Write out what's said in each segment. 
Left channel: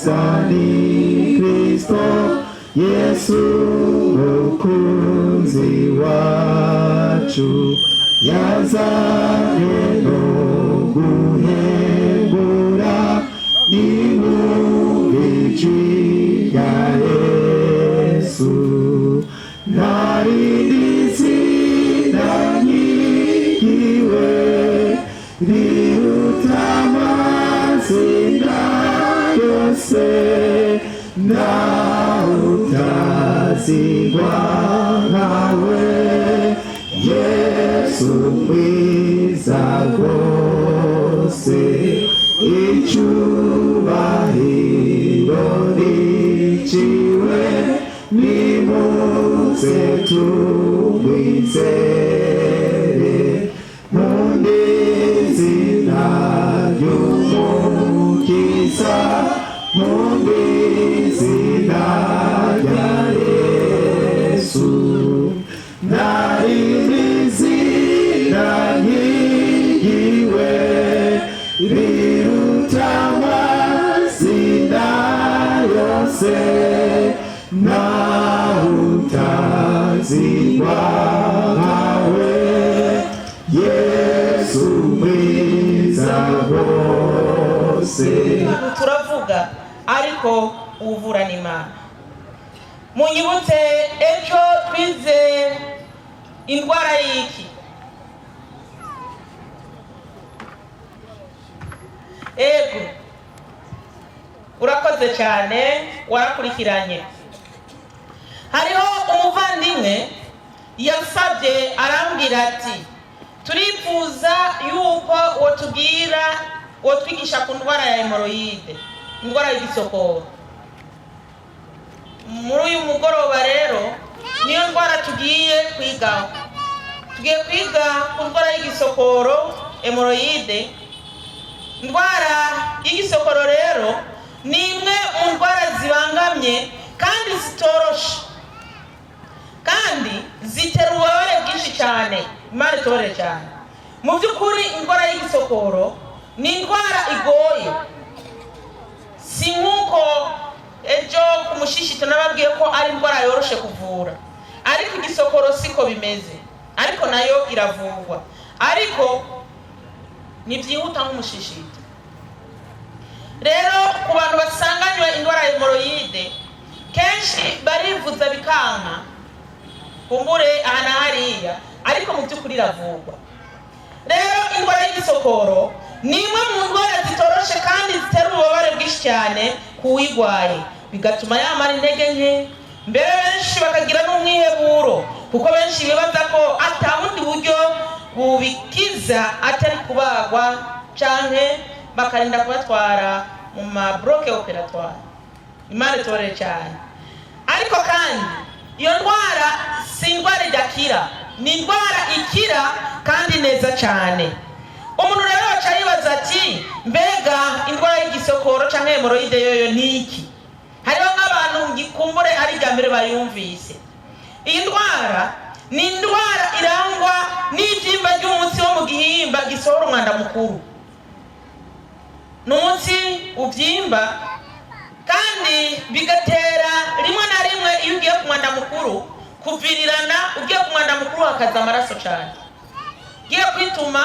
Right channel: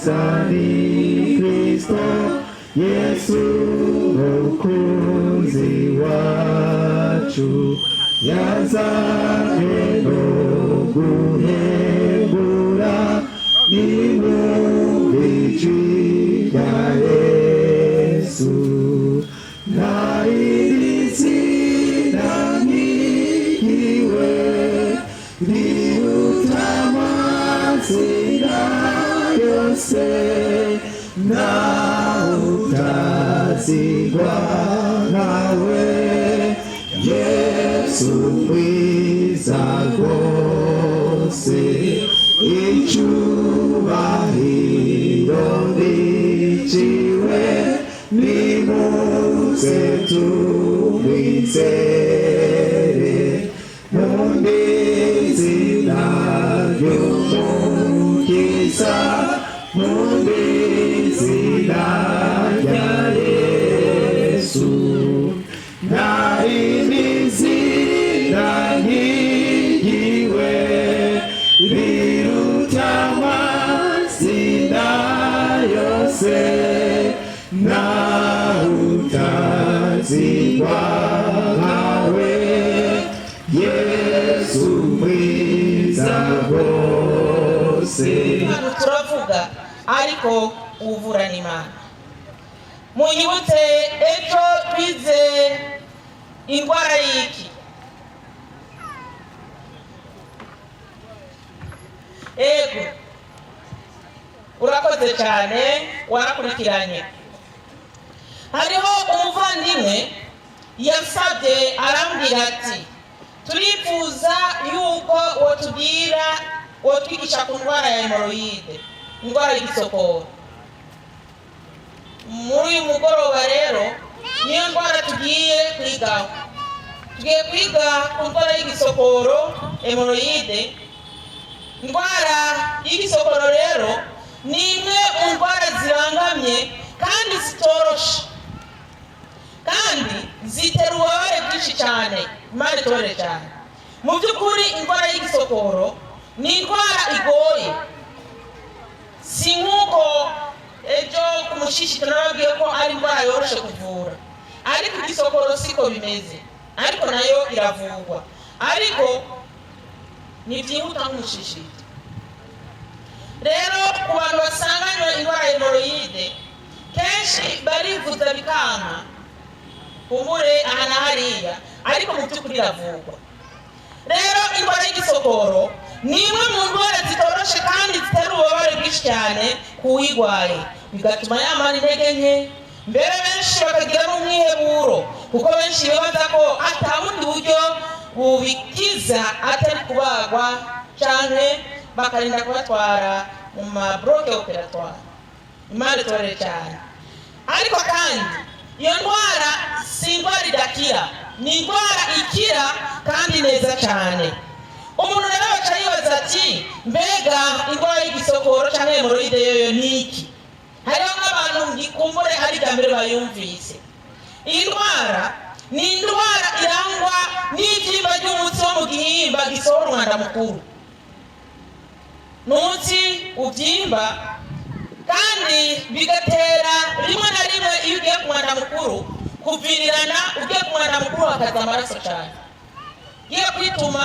Zani Kristo Yesu mukunzi wacu yazanywe no guhebura n'imubijwi ya Yesu narinizina nyihiwe rirutamazina yose na utazigwa nawe Yesu mwiza rwose icyubahiro niciwe nimuze tumwizere mu izina ry'umukiza mu izina rya Yesu narinizina nyigiwe riruta amazina yose na utazigwa nkawe Yesu mwiza rwose. Turavuga ariko uvura n'Imana. Munyibutse ejo twize indwara y'iki? Ego urakoze cyane warakurikiranye. Hariho umuvandimwe yasabye arambwira ati turifuza yuko wotwigisha ku ndwara ya hemoroide, indwara y'igisokoro. Muri uyu mugoroba rero niyo ndwara tugiye kwigaho. Tugiye kwiga ku ndwara y'igisokoro, hemoroide. Indwara y'igisokoro rero ni imwe mu ndwara zibangamye kandi zitoroshe kandi zitera ububabare bwinshi cyane, Imana itore cyane. Mu by'ukuri indwara y'igisokoro ni indwara igoye, si nk'uko ejo ku mushishi tunababwiye ko ari indwara yoroshe kuvura, ariko igisokoro siko bimeze, ariko nayo iravurwa, ariko ntibyihuta nk'umushishito. Rero ku bantu basanganywe indwara ya hemoroide kenshi barivuza bikanka kumbure aha na hariya, ariko mu by'ukuri iravurwa. Rero indwara y'igisokoro ni imwe mu ndwara zitoroshe kandi zitera ububabare bwinshi cyane kuwigwaye, bigatuma yamara intege nke, mbere benshi bakagira n'umwiheburo kuko benshi bibaza ko ata bundi buryo bubikiza atari kubagwa canke bakarinda kubatwara mu mabroke operatoire. Imana itore cyane. Ariko kandi iyo ndwara si indwara idakira, ni indwara ikira kandi neza cyane. Umuntu rero baca yibaza ati mbega indwara y'igisokoro cyangwa hemoroide yoyo ni iki? Hariho nk'abantu ngikumbure ari irya mbere bayumvise. Iyi ndwara ni indwara irangwa n'ibyimba by'umutsi wo mu gihimba gisohora umwanda mukuru. N'umutsi ubyimba kandi bigatera rimwe na rimwe iyo ugiye ku mwanda mukuru kuvirirana, ugiye ku mwanda mukuru hakaza amaraso cyane. Ugiye kwituma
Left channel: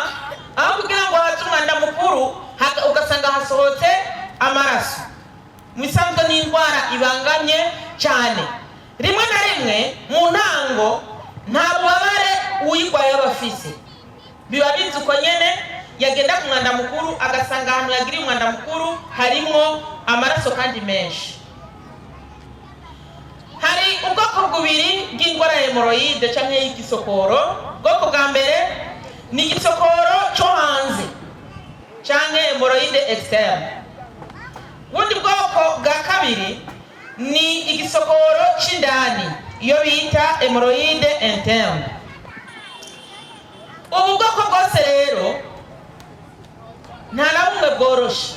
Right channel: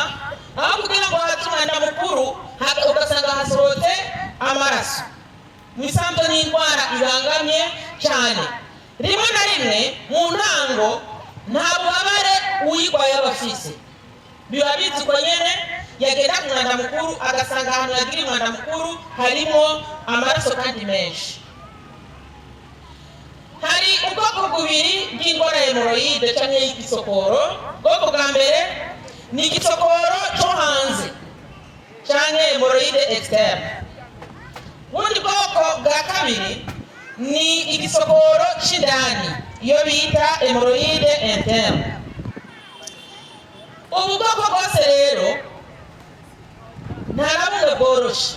aho kugira ngo haze umwanda mukuru ugasanga hasohotse amaraso. Mu isanzwe ni indwara ibangamye cyane. Rimwe na rimwe mu ntango nta bubabare uyigwaye abafise, biba bizi uko nyene yagenda ku mwanda mukuru agasanga ahantu yagiriye umwanda mukuru harimo amaraso kandi menshi. Hari ubwoko bubiri bw'indwara ya hemoroide cyangwa y'igisokoro. Ubwoko bwa mbere ni igisokoro cyo hanze cyangwa hemoroide externe. Ubundi bwoko bwa kabiri ni igisokoro cy'indani, iyo bita hemoroide interne. Ubu bwoko bwose rero nta na bumwe bworoshe,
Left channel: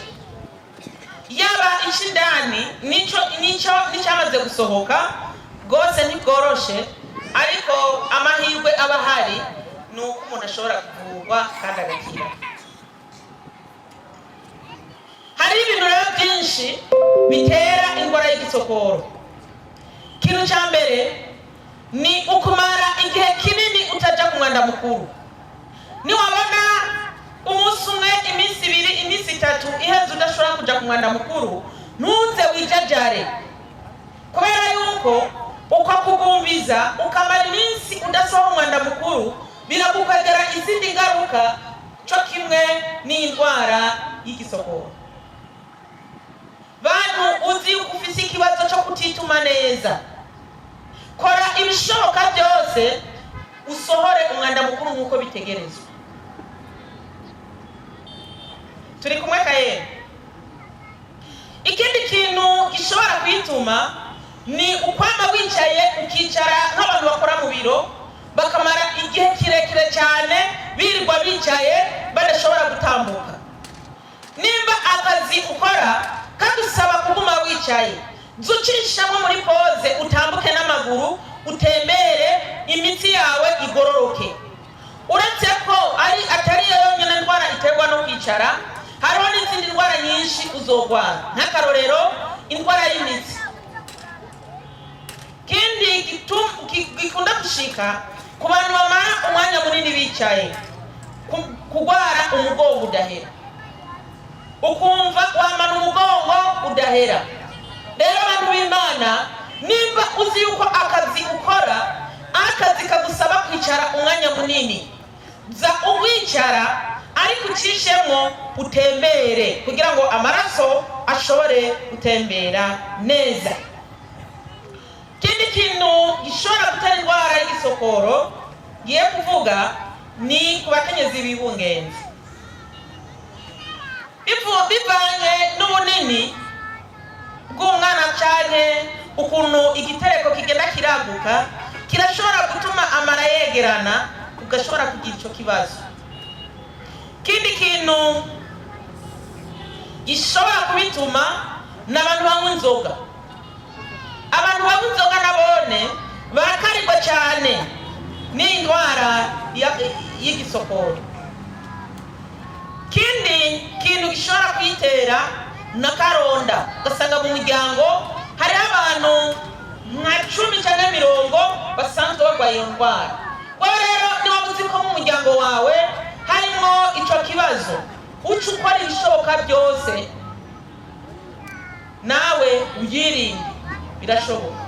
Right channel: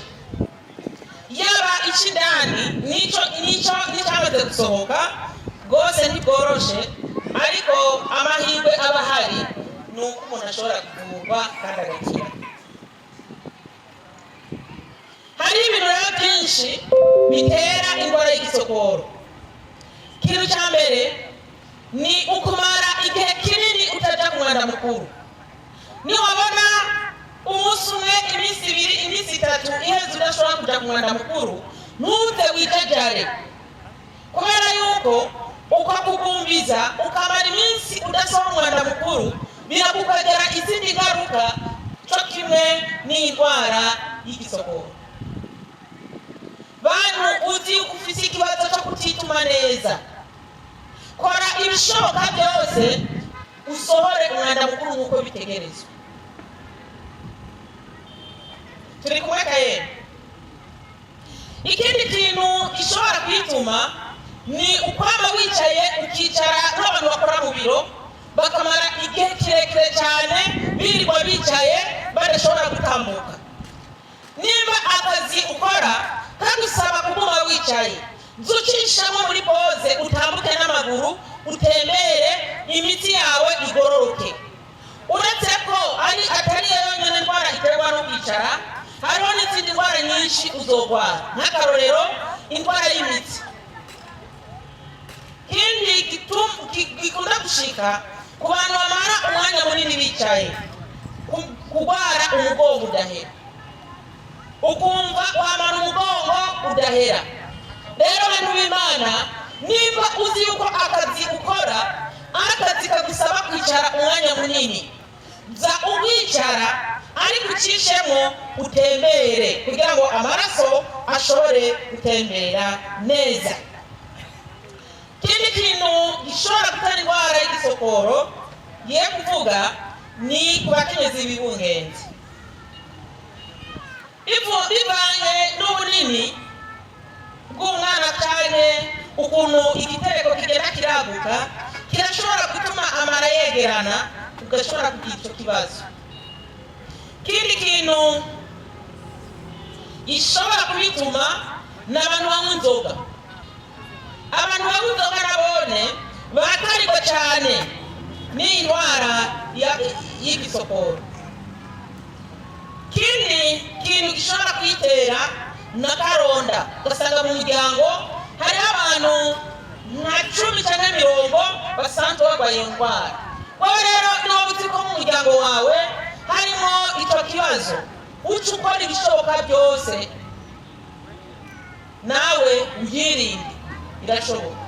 yaba icy'indani n'icyamaze gusohoka bwose ntibworoshe, ariko amahirwe aba ahari ni uko umuntu ashobora kuvurwa kandi agakira. Hari ibintu rero byinshi bitera indwara y'igisokoro. Ikintu cya mbere ni ukumara igihe kinini utaja ku mwanda mukuru. Niwabona umunsi umwe, iminsi ibiri, iminsi itatu iheze udashobora kuja ku mwanda mukuru, ntuze wijajare, kubera yuko uko kugumbiza ukamara iminsi udasohora umwanda mukuru biragukwegera izindi ngaruka, cyo kimwe n'indwara y'igisokoro. Bantu uzi yuko ufite ikibazo cyo kutituma neza, kora ibishoboka byose usohore umwanda mukuru nk'uko bitegerezwa. Turi kumwe kaye? Ikindi kintu gishobora kwituma ni ukwama wicaye ukicara nk'abantu bakora mu biro bakamara igihe kirekire cyane birirwa bicaye badashobora gutambuka. Nimba akazi ukora kadusaba kuguma wicaye, zucishamo muri pose utambuke n'amaguru, utembere, imitsi yawe igororoke. Uretse ko atari yonyine ndwara iterwa no kwicara, hariho n'izindi ndwara nyinshi uzogwara, nk'akarorero indwara y'imitsi. Kindi gikunda gushika ku bantu bamara umwanya munini bicaye, kugwara umugongo udahera, ukumva wamara umugongo udahera. Rero abantu b'Imana, nimba uzi yuko akazi ukora akazi kagusaba kwicara umwanya munini, za uwicara ariko ucishemo utembere kugira ngo amaraso ashobore gutembera neza. Kindi kintu gishobora gutera indwara y'igisokoro ngiye kuvuga ni ku bakenyezi bibungenze. Bivanye n'ubunini bw'umwana cyane, ukuntu igitereko kigenda kiraguka, kirashobora gutuma amara yegerana, ugashobora kugira icyo kibazo. Kindi kintu gishobora kubituma n'abantu banywa inzoga. Abantu banywa inzoga nabone barakarirwa cyane n'indwara y'igisokoro. Kindi kintu gishobora kwitera na karonda, ugasanga mu muryango hari abantu nka 10 cyangwa 20 basanzwe barwaye iyo ndwara. Wowe rero niba uzi ko mu muryango wawe harimo icyo kibazo, uca ukora ibishoboka byose nawe uyirinde, birashoboka.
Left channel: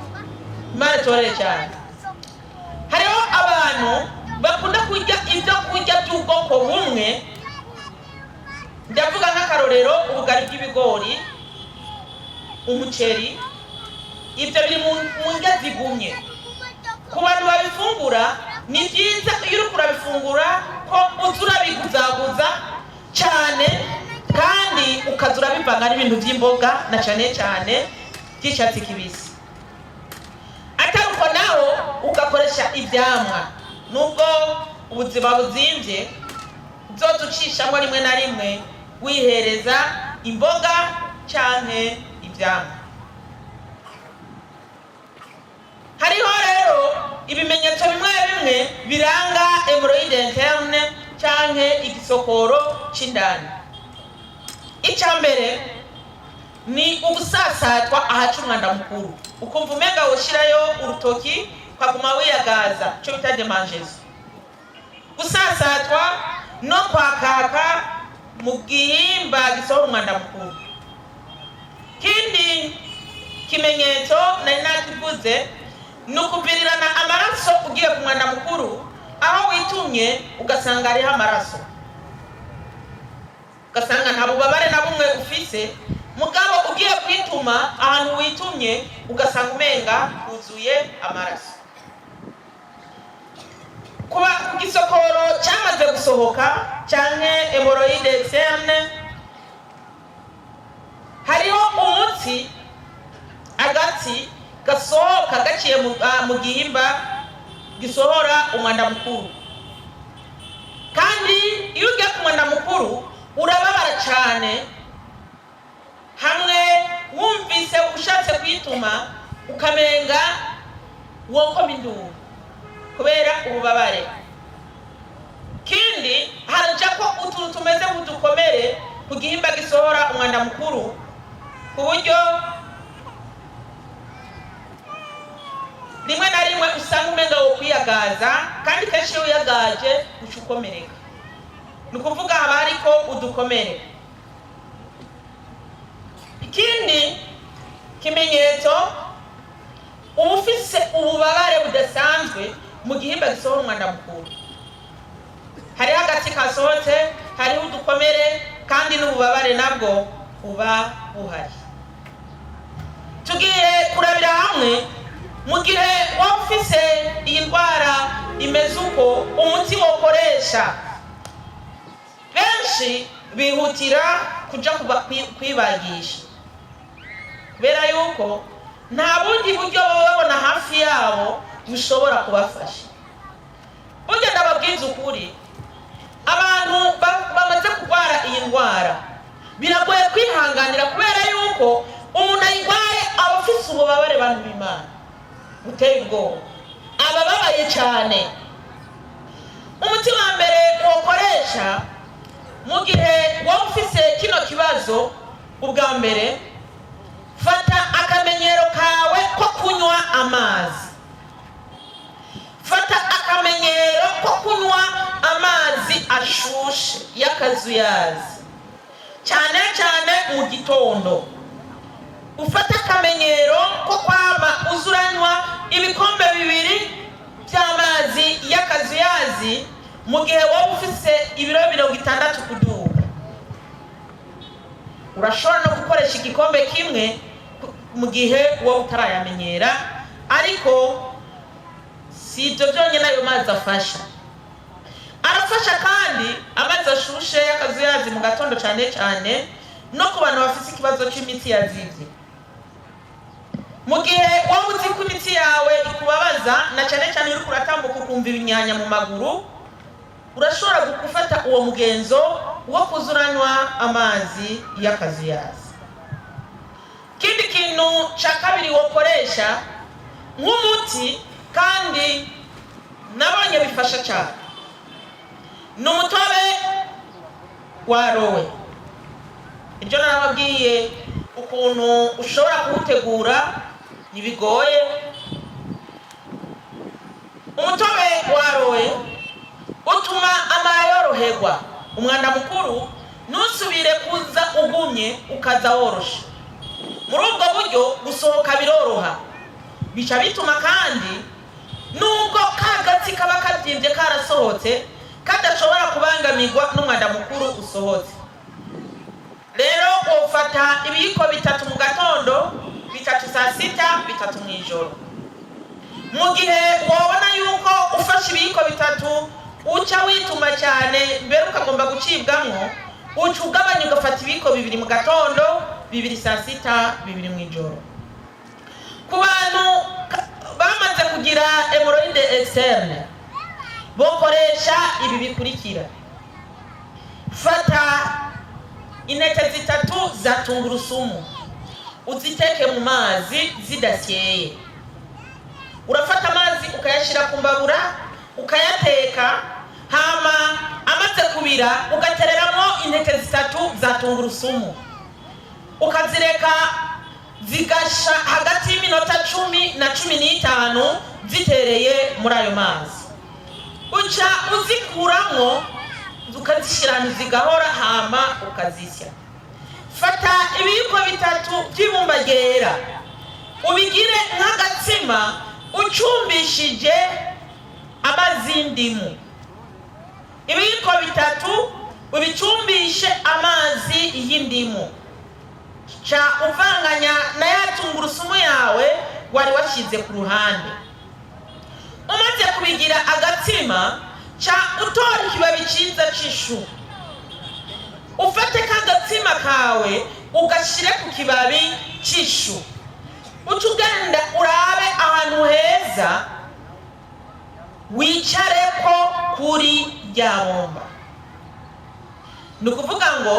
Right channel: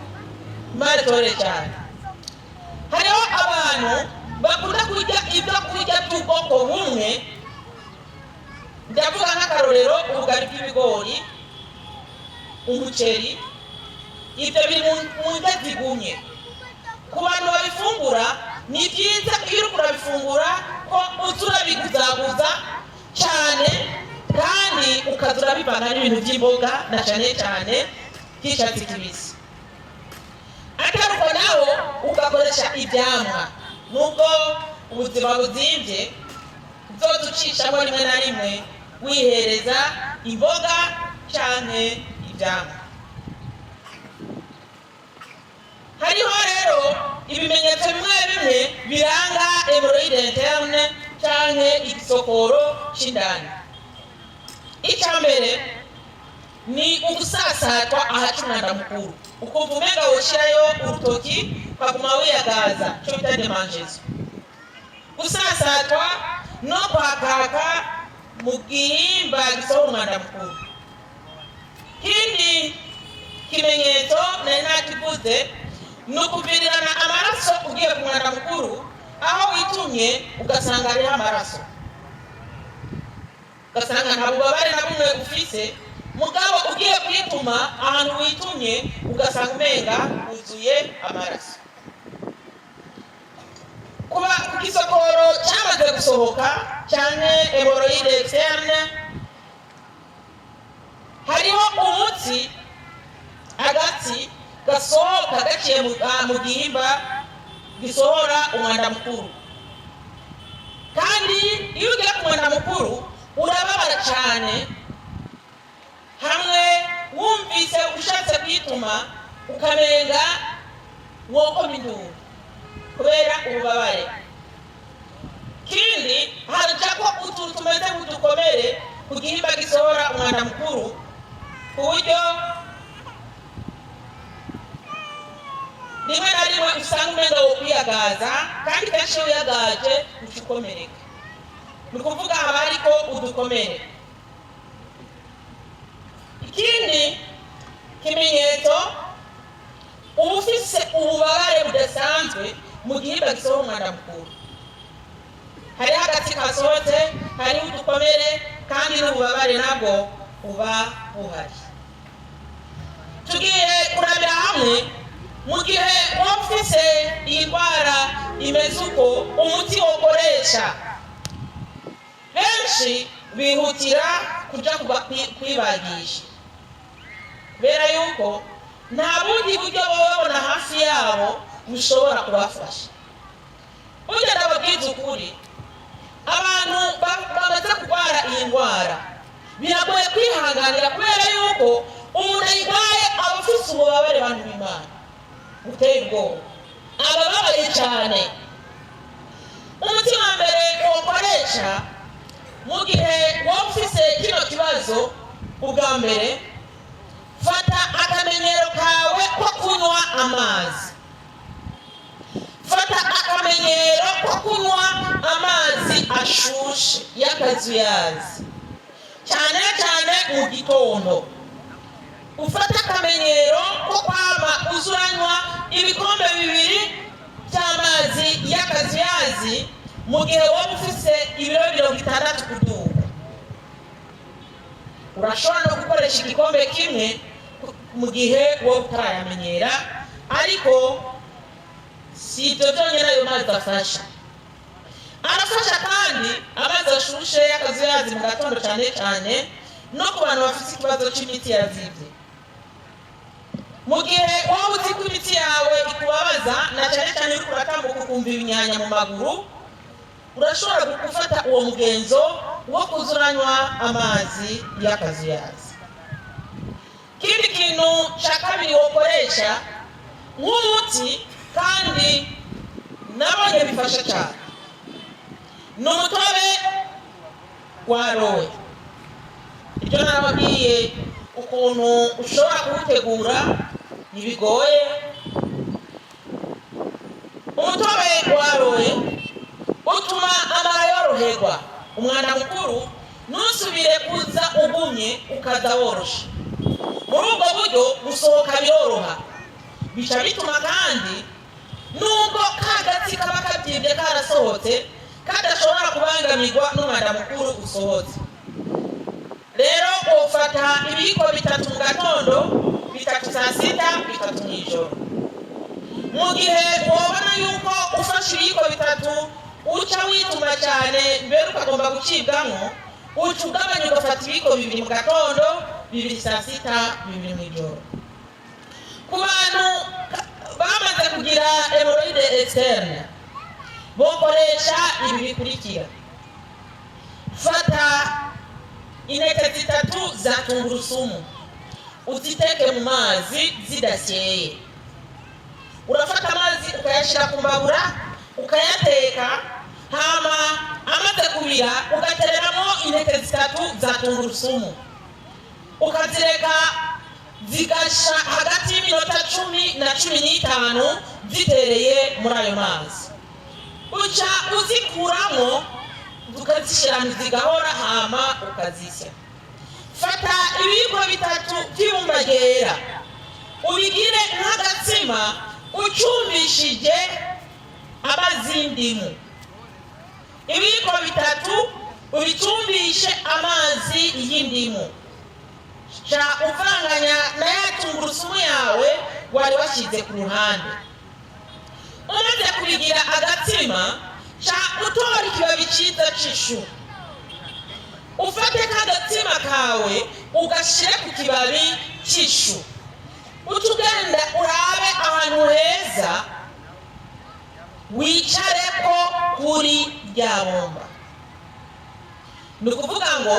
Imana itore cyane. Hariho abantu bakunda kurya ibyo kurya by'ubwoko bumwe, ndavuga nk'akarorero ubugari bw'ibigori, umuceri, ibyo biri mu ndya zigumye. Ku bantu babifungura ni byiza iyo uri kurabifungura ko uza urabiguzaguza cyane, kandi ukaza urabivanga n'ibintu by'imboga na cyane cyane by'icyatsi kibisi. Ataruko naho ugakoresha ibyamwa, nubwo ubuzima buzimbye uzoducishamo rimwe na rimwe wihereza imboga cyane ibyamwa. Hariho rero ibimenyetso bimwe bimwe biranga hemorrhoide interne cyangwa igisokoro cy'indani. Icya mbere ni ugusasatwa ahaca umwanda mukuru, ukumva umenga woshirayo urutoki ukaguma wiyagaza, cyo bita demangezo. Gusasatwa no kwakaka mu gihimba gisohora umwanda mukuru. Kindi kimenyetso nari nakivuze ni ukuvirirana amaraso ugiye ku mwanda mukuru, aho witumye ugasanga hariho amaraso, ugasanga nta bubabare na bumwe ufise, mugabo ugiye kwituma ahantu witumye ugasanga umenga huzuye amaraso. Kuba ku gisokoro cyamaze gusohoka cyane hemorrhoide interne, hariho umutsi, agatsi gasohoka gaciye mu gihimba gisohora umwanda mukuru. Kandi iyo ugiye ku mwanda mukuru urababara cyane, hamwe wumvise ushatse kwituma ukamenga wokoma induru kubera ububabare. Kindi haraja ko utuntu tumeze nk'udukomere ku gihimba gisohora umwanda mukuru, ku buryo rimwe na rimwe usanga umenga wo kwiyagaza kandi kenshi iyo uyagaje ucukomereka. Ni ukuvuga haba hariko udukomere. Ikindi kimenyetso ufise ububabare budasanzwe mu gihimba gisohora umwanda mukuru. Hari hagati kasohotse, hari udukomere kandi n'ububabare nabwo uba buhari. Tugiye kurabira hamwe mu gihe wafise iyi ndwara imeze uko umuti wokoresha. Benshi bihutira kuja kwibagisha kubera yuko nta bundi buryo babona hafi yabo bushobora kubafasha. Burya ndababwiza ukuri, abantu bamaze kurwara iyi ndwara biragoye kwihanganira kubera yuko umuntu ayirwaye aba afise ububabare bantu b'Imana buteye ubwoba, abababaye cyane. Umuti wa mbere wokoresha mu gihe wowe ufise kino kibazo, ubwa mbere fata akamenyero kawe ko kunywa amazi. Fata akamenyero ko kunywa amazi ashushe y'akazuyazi, cyane cyane mu gitondo. Ufata akamenyero ko kwama uzuranywa ibikombe 2 by'amazi y'akazuyazi mu gihe wowe ufise ibiro 60 kuduga. Urashobora no gukoresha igikombe kimwe mu gihe wowe utarayamenyera, ariko si ibyo byonyine ayo mazi afasha. Arafasha kandi amazi ashushe y'akazuyazi mu gatondo cyane cyane no ku bantu bafite ikibazo cy'imitsi yazivye. Mu gihe wowe uzi ko imitsi yawe ikubabaza na cyane cyane uri kuratambuka ukumva ibinyanya mu maguru, urashobora gufata uwo mugenzo wo kuzuranywa amazi y'akazuyazi. Kindi kintu cya kabiri wokoresha nk'umuti kandi nabonye bifasha cyane ni umutobe wa rowe. Ibyo nababwiye ukuntu ushobora kuwutegura ntibigoye. Umutobe wa rowe utuma amara yoroherwa, umwanda mukuru ntusubire kuza ugumye ukaza worosha. Muri ubwo buryo gusohoka biroroha, bica bituma kandi nubwo kagatsi kaba kabyibye karasohotse kadashobora kubangamirwa n'umwanda mukuru usohotse. Rero ufata ibiyiko 3 mu gatondo, 3 saa sita, 3 mu ijoro. Mu gihe wabona yuko ufashe ibiyiko 3 uca wituma cyane mbere ukagomba gucibwamo, uca ugabanya ugafata ibiyiko 2 mu gatondo, 2 saa sita, 2 mu ijoro. Ku bantu bamaze kugira hemorrhoide externe bokoresha ibi bikurikira. Fata intete 3 za tungurusumu uziteke mu mazi zidasyeye. Urafata amazi ukayashira ku mbabura ukayateka, hama amaze kubira ugatereramo intete 3 za tungurusumu ukazireka zigasha hagati y'iminota 10 na 15 zitereye muri ayo mazi. Uca uzikuramo ukazishira zigahora, hama ukazisya. Fata ibiyiko 3 by'ibumba ryera ubigire nk'agatsima ucumbishije amazi y'indimu. Ibiyiko 3 ubicumbishe amazi y'indimu, cha uvanganya na ya tungurusumu yawe wari washize ku ruhande. Umaze kubigira agatsima, cha utora ikibabi cyiza c'ishu. Ufate kagatsima kawe ugashire ku kibabi c'ishu, utugenda urabe ahantu heza wicareko kuri rya bomba. Nukuvuga ngo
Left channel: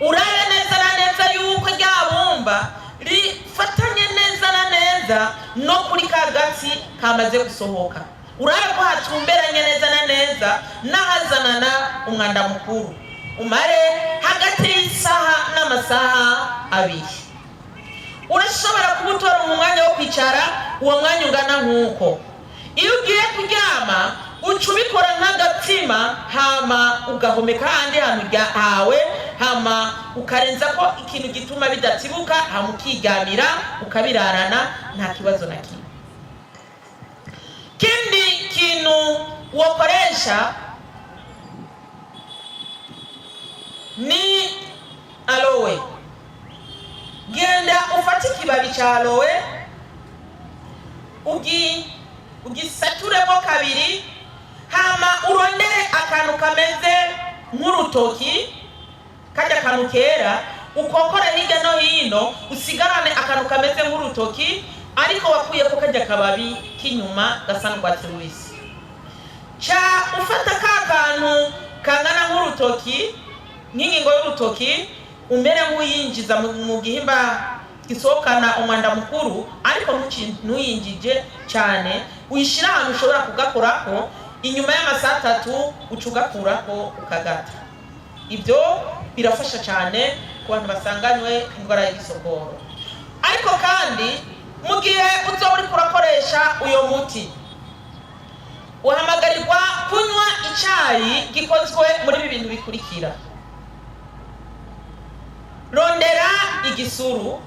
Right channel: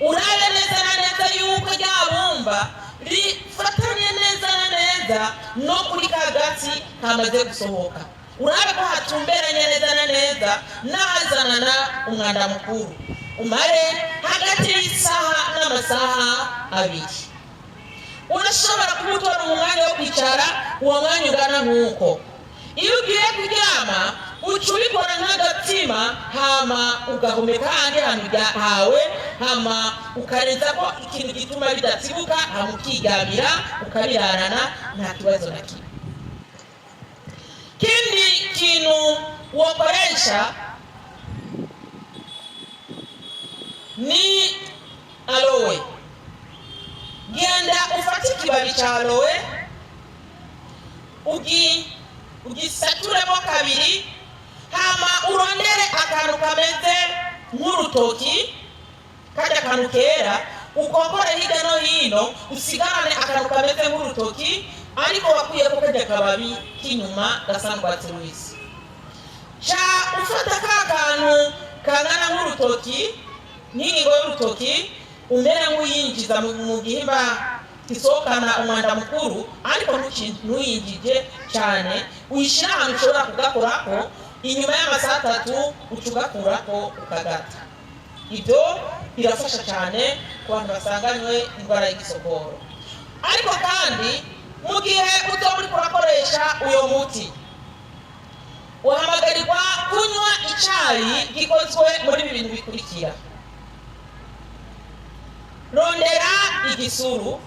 urabe neza na neza yuko rya bomba rifatanye neza na neza no kuri kagatsi kamaze gusohoka. Urabe ko hatumberanye neza na neza n'ahazanana umwanda mukuru. Umare hagati y'isaha n'amasaha 2. Urashobora kubutora mu mwanya wo kwicara uwo mwanya ungana nk'uko. Iyo ugiye kuryama uca ubikora nk'agatsima, hama ugahomeka ahandi hantu hawe, hama ukarenza ko ikintu gituma bidatsibuka, hama ukiryamira ukabirarana nta kibazo na kimwe. Kindi kintu wokoresha ni aloe. Genda ufate ikibabi cha aloe ugisaturemo kabiri, hama urondere akantu kameze nk'urutoki, kajya akantu kera, ukokora hirya no hino, usigarane akantu kameze nk'urutoki ariko wakuye ko kajya kababi k'inyuma gasa n'urwatsi rubisi. Cha ufata ka kantu kangana nk'urutoki, nk'ingingo y'urutoki, umere nk'uyinjiza mu gihimba gisohokana umwanda mukuru, ariko ntuyinjije cyane, uyishyira ahantu ushobora kugakorako, inyuma y'amasaha 3 uca ugakurako ukagata. Ibyo birafasha cyane ku bantu basanganywe indwara y'igisokoro. Ariko kandi mu gihe uzoba uri kurakoresha uyo muti, uhamagarirwa kunywa icyayi gikozwe muri ibi bintu bikurikira. Rondera igisuru,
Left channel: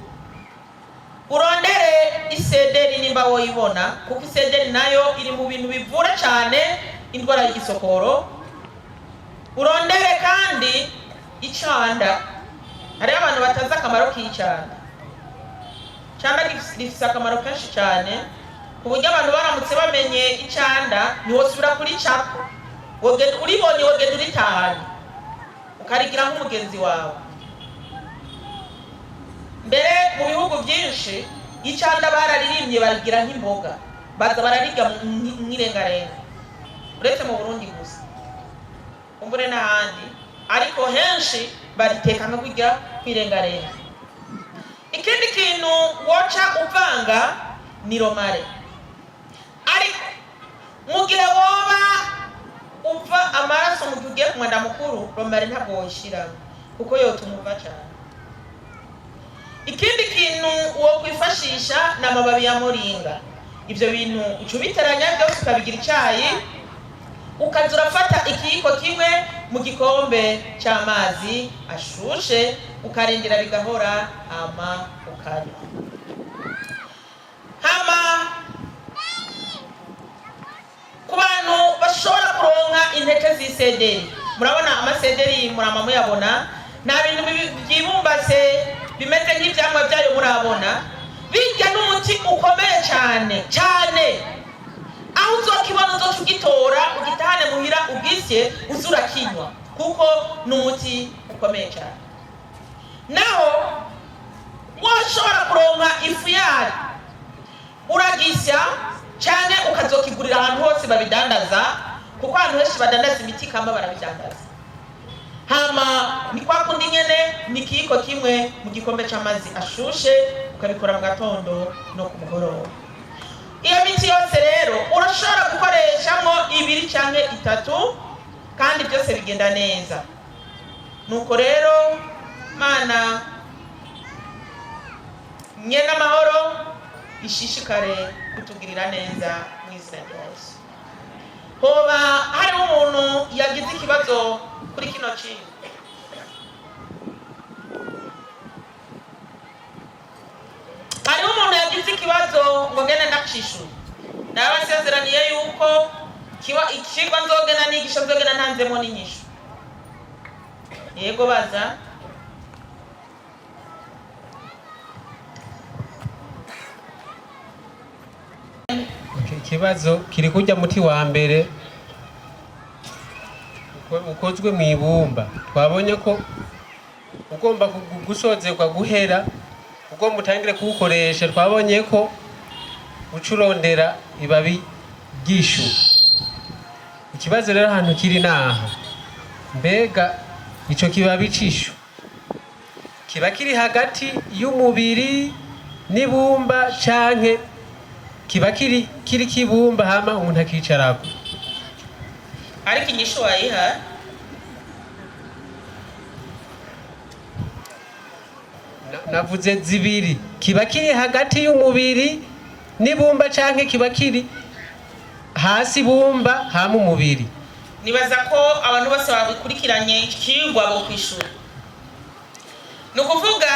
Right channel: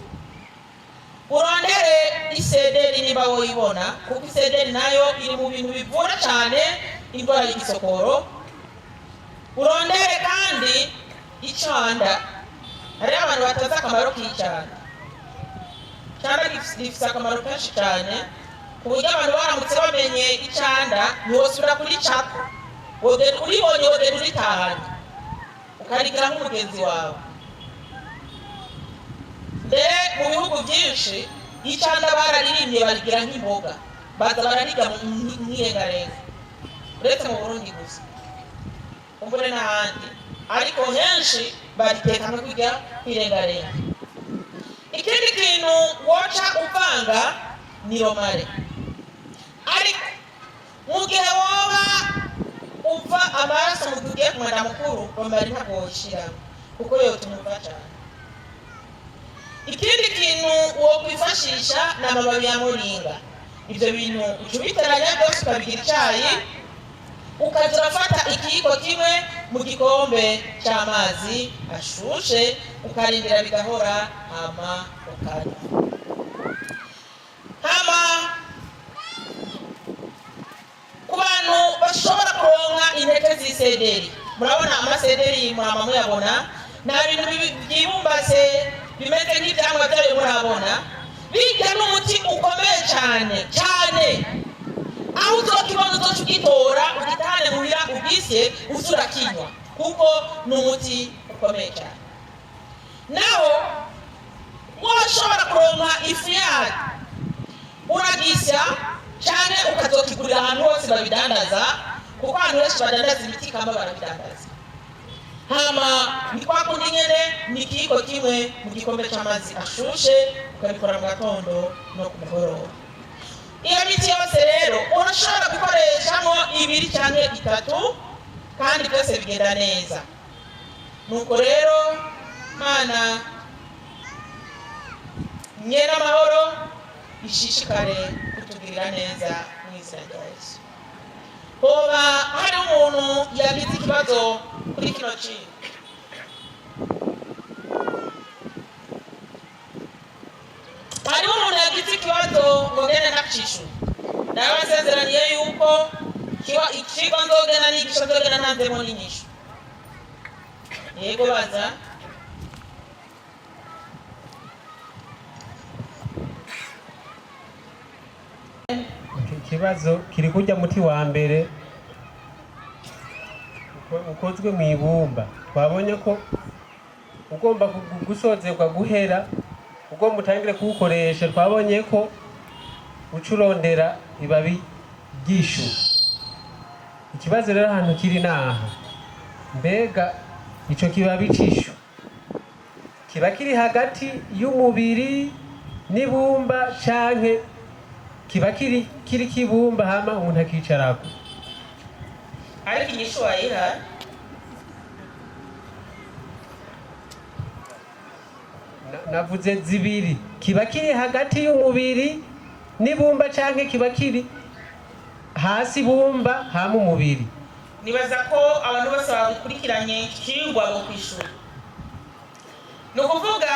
urondere isederi nimba woyibona, kuko isederi nayo iri mu bintu bivura cyane indwara y'igisokoro. Urondere kandi icanda. Hari abantu batazi akamaro k'icanda. Icanda gifite akamaro kenshi cyane, ku buryo abantu baramutse bamenye icanda ntiwosubira kuri cako, uribonye wogenda uritahanye ukarigira nk'umugenzi wawe. Mbere mu bihugu byinshi icanda bararirimbye barigira nk'imboga, baza bararirya nk'irengarenga, uretse mu Burundi gusa, kumbure n'ahandi, ariko henshi bariteka no kurya nk'irengarenga. Ikindi kintu woca uvanga ni romare. Ariko mu gihe woba uva amaraso mu gihe ugiye ku mwanda mukuru, romare ntabwo woyishyiramo kuko yotumuva cyane. Ikindi kintu wokwifashisha ni amababi ya moringa. Ibyo bintu uca ubiteranya byose ukabigira icyayi, ukaza urafata ikiyiko kimwe mu gikombe cy'amazi ashushe, ukarindira bigahora, hama ukarya. Hama ku bantu bashobora kuronka intete z'isederi, murabona amasederi murama muyabona, nta bintu byibumbatse bimeze nk'ibyamwa byayo murabona, bijya n'umuti ukomeye cyane cyane, aho uzokibona uzoca ugitora ugitahane muhira ugisye uzura kinywa, kuko ni umuti ukomeye cyane. Naho washobora kuronka ifu yayo uragisya cyane ukazokigurira ahantu hose babidandaza, kuko ahantu henshi badandaza imiti kama barabidandaza. Hama ni kwa kundi nyene ni ikiyiko kimwe mu gikombe cy'amazi ashushe, ukabikora mu gatondo no ku mugoroba. Iyo miti yose rero urashobora gukoreshamo 2 cyangwa 3, kandi byose bigenda neza. Nuko rero Mana nyene amahoro ishishikare kutugirira neza mu izina rya Yesu. Hoba hari umuntu yagize ikibazo kuri kino kintu? Hari umuntu yagize ikibazo ngo ngene ndakishura? Ndabasezeraniye yuko ikigwa nzogena nigisha nzogena ntanzemo n'inyishu. Yego baza. Ikibazo kiri kujya muti wa mbere ukozwe mu ibumba. Twabonye ko ugomba gusozerwa guhera ubwo mutangire kuwukoresha. Twabonye ko ucurondera ibabi ry'ishu. Ikibazo rero ahantu kiri naha, mbega ico kibabi c'ishu kiba kiri hagati y'umubiri n'ibumba canke kiba kiri kibumba hama umuntu akicarako? Ariko inyishu wayiha navuze zibiri, kiba kiri hagati y'umubiri n'ibumba canke kiba kiri hasi bumba hama umubiri. nibaza ko abantu bose babikurikiranye ikigwa bo kwishura. Ni ukuvuga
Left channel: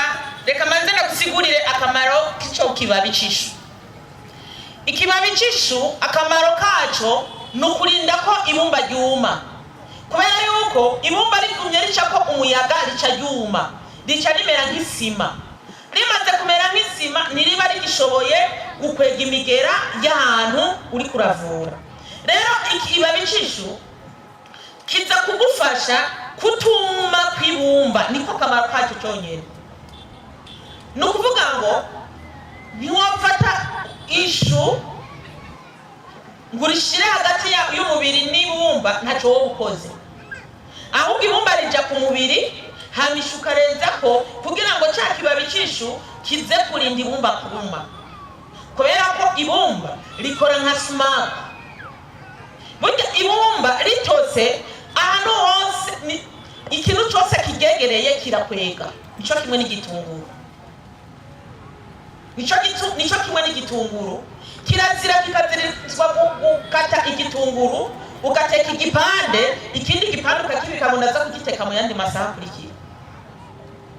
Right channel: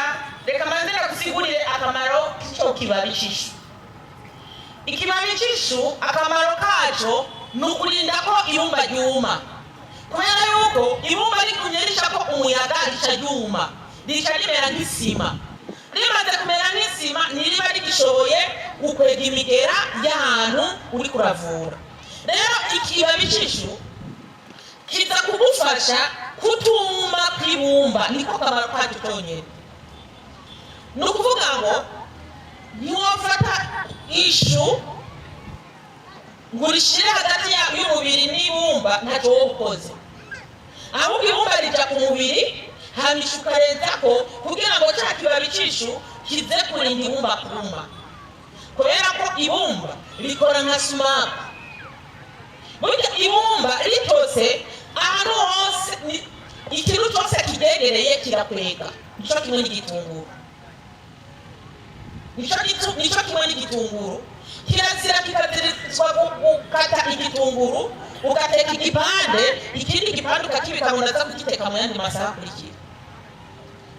reka manze ndagusigurire akamaro k'ico kibabi c'ishu. Ikibabi c'ishu akamaro kaco ni ukurinda ko ibumba ryuma, kubera yuko ibumba rigumye ricako umuyaga rica ryuma, rica rimera nk'isima. Rimaze kumera nk'isima ntiriba rigishoboye gukwega imigera y'ahantu uri kuravura. Rero ikibabi c'ishu kiza kugufasha kutuma kwibumba, niko kamaro kacu cyonyine. Ni ukuvuga ngo ntiwafata ishu ngo urishire hagati y'umubiri n'ibumba ntacyo wowe ukoze, ahubwo ibumba rija ku mubiri hamisha ukarenza ko kugira ngo cya kibabi c'ishu kize kurinda ibumba kuma, kubera ko ibumba rikora nka sumaku. Burya ibumba ritose ahantu hose ikintu cyose kigegereye kirakwega. Nico kimwe n'igitunguru, nico kimwe n'igitunguru. Kirazira kikazirizwa gukata igitunguru ugateka igipande, ikindi gipande ukakibika mu ndaza kugiteka mu yandi masaha akurikira.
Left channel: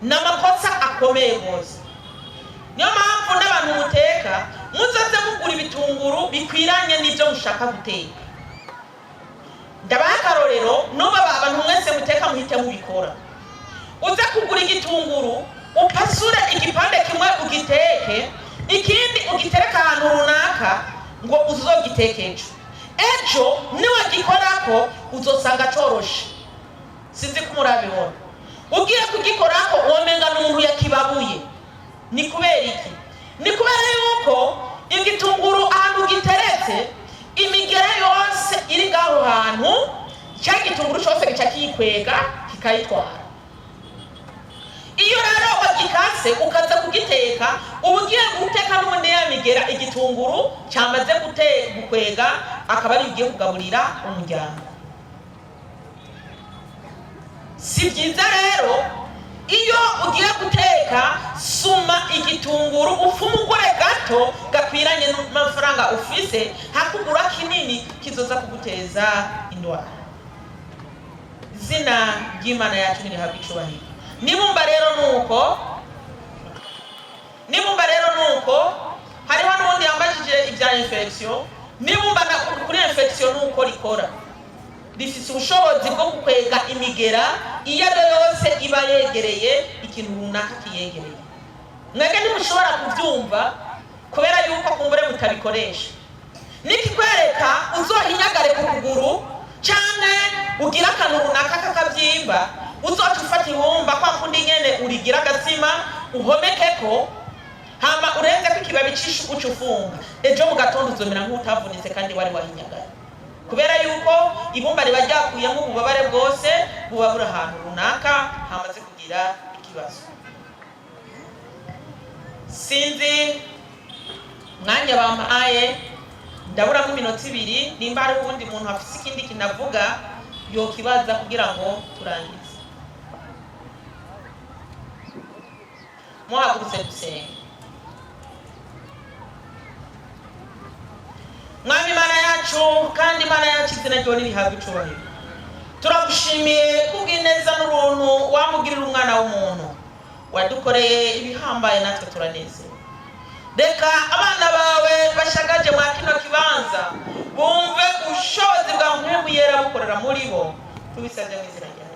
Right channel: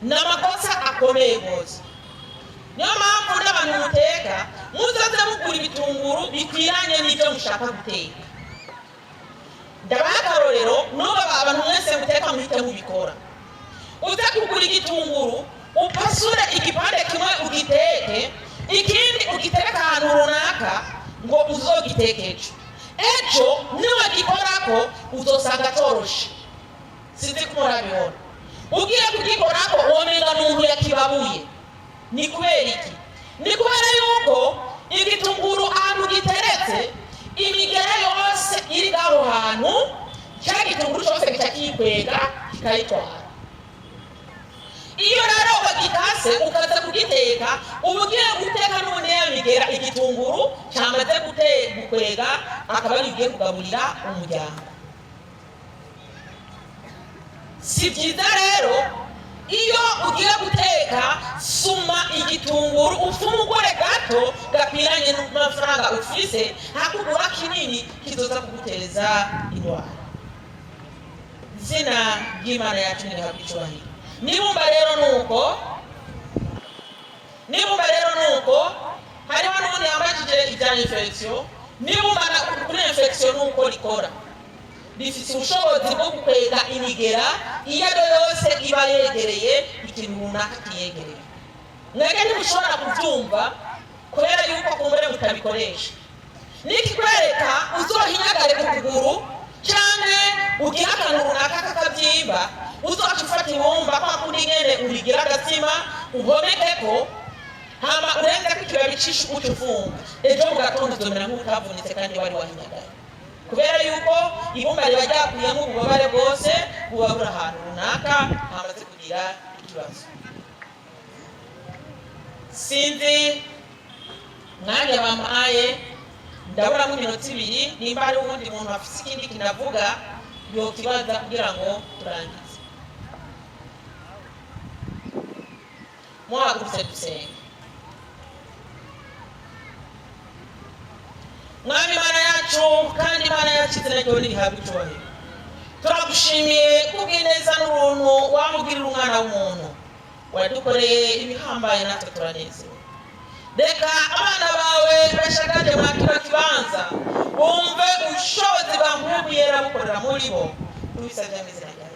N'amakosa akomeye rwose. Niyo mpamvu n'abantu muteka muzaze mugura ibitunguru bikwiranye n'ibyo mushaka guteka. Ndabaha akarorero n'ubu abantu mwese muteka muhite mubikora. Uza kugura igitunguru upasure igipande kimwe ugiteke, ikindi ugitereka ahantu runaka ngo uzogiteke ejo niwagikorako uzosanga coroshe. Sinzi ko murabibona. Ugiye kugikorako womenga n'umuntu yakibabuye. Ni kubera iki? Ni kubera yuko igitunguru ahantu giteretse imigere yose iri ngaho hantu, cya gitunguru cyose gica kikwega kikayitwara. Iyo rero wagikase ukaza kugiteka, ugiye guteka n'ubundi ya migera igitunguru cyamaze gukwega akaba ari ugiye kugaburira umuryango. Si byiza rero iyo ugiye guteka suma igitunguru ufumugure gato gakwiranye n'amafaranga ufise, hakugura kinini kizoza kuguteza indwara. Zina ry'Imana yacu ni habicubahiro. Nibumba rero nuko hariho n'ubundi yambajije ibya infection. Nibumba kuri infection nuko rikora, rifite ubushobozi bwo gukwega imigera iyo ari yose iba yegereye ikintu runaka kiyegereye. Mwebwe ntimushobora kubyumva kubera yuko kumbure mutabikoresha. Nikikwereka uzohinyagare ku kuguru cyane ugira akantu runaka kakabyimba, uzoca ufata ibumba kwa kundi nyene urigira agatsima uhomekeko, hama urenga ko ikibabi c'ishu ucufunga, ejo mu gatondo uzomera nk'utavunitse kandi wari wahinyagara, kubera yuko ibumba riba ryakuyemo ububabare bwose buba buri ahantu runaka hamaze kugira ikibazo. Sinzi mwanya bampaye, ndabura nk'iminota 2, nimba hari ubundi muntu afite ikindi kinavuga yokibaza kugira ngo turangize. Muhagurutse dusenge. Mwami Mana yacu kandi Mana yacu izina ryo rihabwa icubahiro. Turagushimiye kubw'ineza n'uruntu wamugirira umwana w'umuntu, wadukoreye ibihambaye natwe turanezerewe. Reka abana bawe bashagaje mwa kino kibanza bumve ubushobozi bwa Mpwemu Yera bukorera muri bo, tubisabye mu izina ryawe.